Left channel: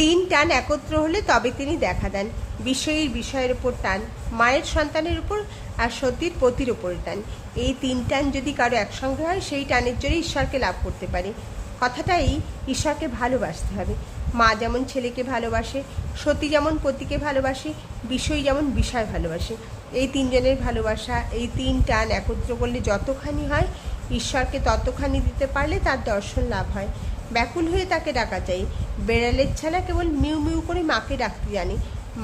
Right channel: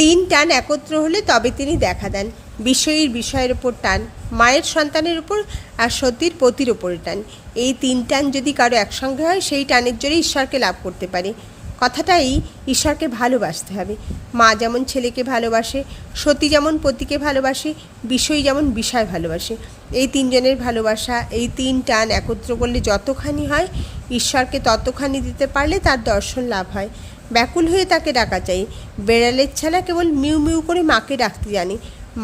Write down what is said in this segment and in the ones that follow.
তিন টান একত্র হলে তবে তিনি দেখা দেন। বিষয়ীর বিষয়ের ওপর টান, মায়ের সন্তানের উপর, আর সতীর পতির ওপরে টান। এই তিন টান যদি কারো একসঙ্গে হয়, সেই টানের জোরে ঈশ্বরকে লাভ করতে পারে। কথাটাই, ঈশ্বরকে ভালোবাসতে হবে। মা যেমন ছেলেকে ভালোবাসে, সতী যেমন পতিকে ভালোবাসে, বিষয়ী যেমন বিষয় ভালোবাসে। এই তিনজনের ভালোবাসা, এই তিন টান একত্র করলে যতখানি হয়, ঈশ্বরকে ততখানি দিতে পারলে তার দর্শন লাভ হয়। ব্যাকুল হয়ে তাকে ডাকা চাই। বেড়ালের ছানা কেবল মিউ মিউ করে মাকে ডাকতে জানে।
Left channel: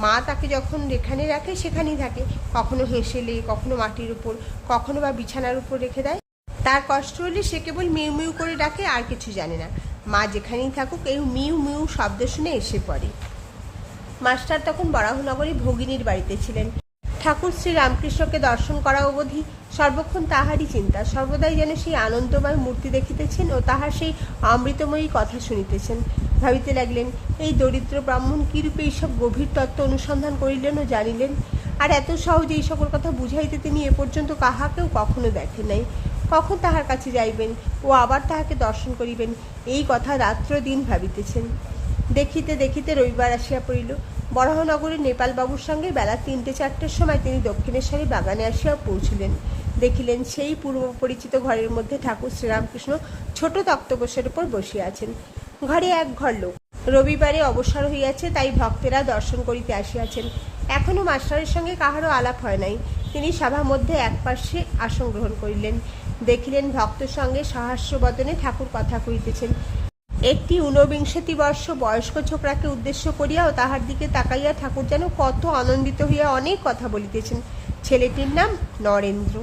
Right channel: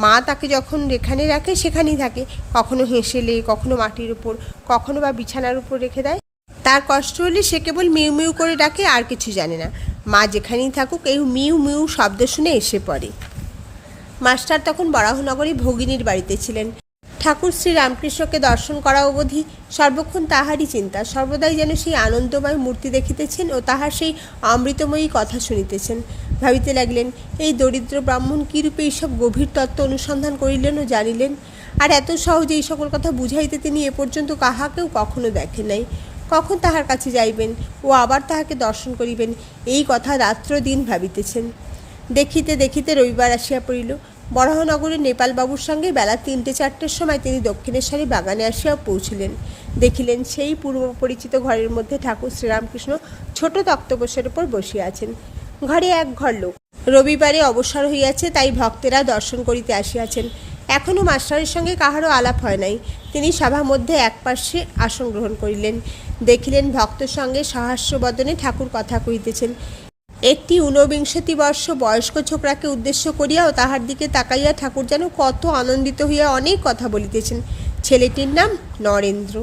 মা তাকে যখন যেখানে রাখে সেখানেই থাকে। কখনো হেসেলে, কখনো মাটির উপর, কখনো বা বিছানার উপর রেখে দেয়। তার কষ্ট হলে সে কেবল মিউ মিউ করে ডাকে, আর কিছু জানে না। মা যেখানেই থাকুক, এই মিউ মিউ শব্দ শুনে এসে পড়ে। মাস্টার তখন বরাহনগরে ভগিনীর বাড়িতে ছিলেন। ঠাকুর শ্রী রামকৃষ্ণকে দর্শন করা অবধি সর্বক্ষণ তাহারই চিন্তা। সর্বদাই যেন সেই আনন্দময় মূর্তি দেখিতেছেন ও তাহার সেই অমৃতময়ী কথা শুনিতেছেন। ভাবিতে লাগলেন, এই দরিদ্র ব্রাহ্মণ কীরূপে এইসব গভীর তত্ত্ব অনুসন্ধান করিলেন ও জানিলেন। আর এত সহজে এই সকল কথা বুঝাইতে তিনি এ পর্যন্ত কাহাকেও কখনো দেখেন নাই। কখন তাহার কাছে যাইবেন ও আবার তাহাকে দর্শন করিবেন, এই কথা রাত্র দিন ভাবিতেছেন। দেখিতে দেখিতে রবিবার আসিয়া পড়িল। বরাহনগরে নেপালবাবুর সঙ্গে বেলা 3-4টের সময় তিনি দক্ষিণেশ্বরী বাগানে আসিয়া পৌঁছিলেন। দেখিলেন সেই পূর্ব পরিচিত ঘরের মধ্যে ঠাকুর শ্রীরামকৃষ্ণ ছোট তক্তপোষের উপর বসিয়া আছেন। ঘরে এক ঘর লোক। রবিবারে অবসর হইয়াছে, তাই ভক্তেরা দর্শন করিতে আসিয়াছেন। এখনও মাস্টারের সঙ্গে কাহারও আলাপ হয় নাই। তিনি সভা মধ্যে এক পার্শ্বে আসন গ্রহণ করিলেন। দেখিলেন ভক্তের সঙ্গে সহাস্যবদনে ঠাকুর কথা কহিতেছেন। একটি 49 বর্ষ বয়স্ক ছোকরাকে উদ্দেশ্য করিয়াও তাহার দিকে তাকাইয়া ঠাকুর যেন কত আনন্দিত হইয়া অনেক কথা বলিতেছেন। ছেলেটির নাম নরেন্দ্র।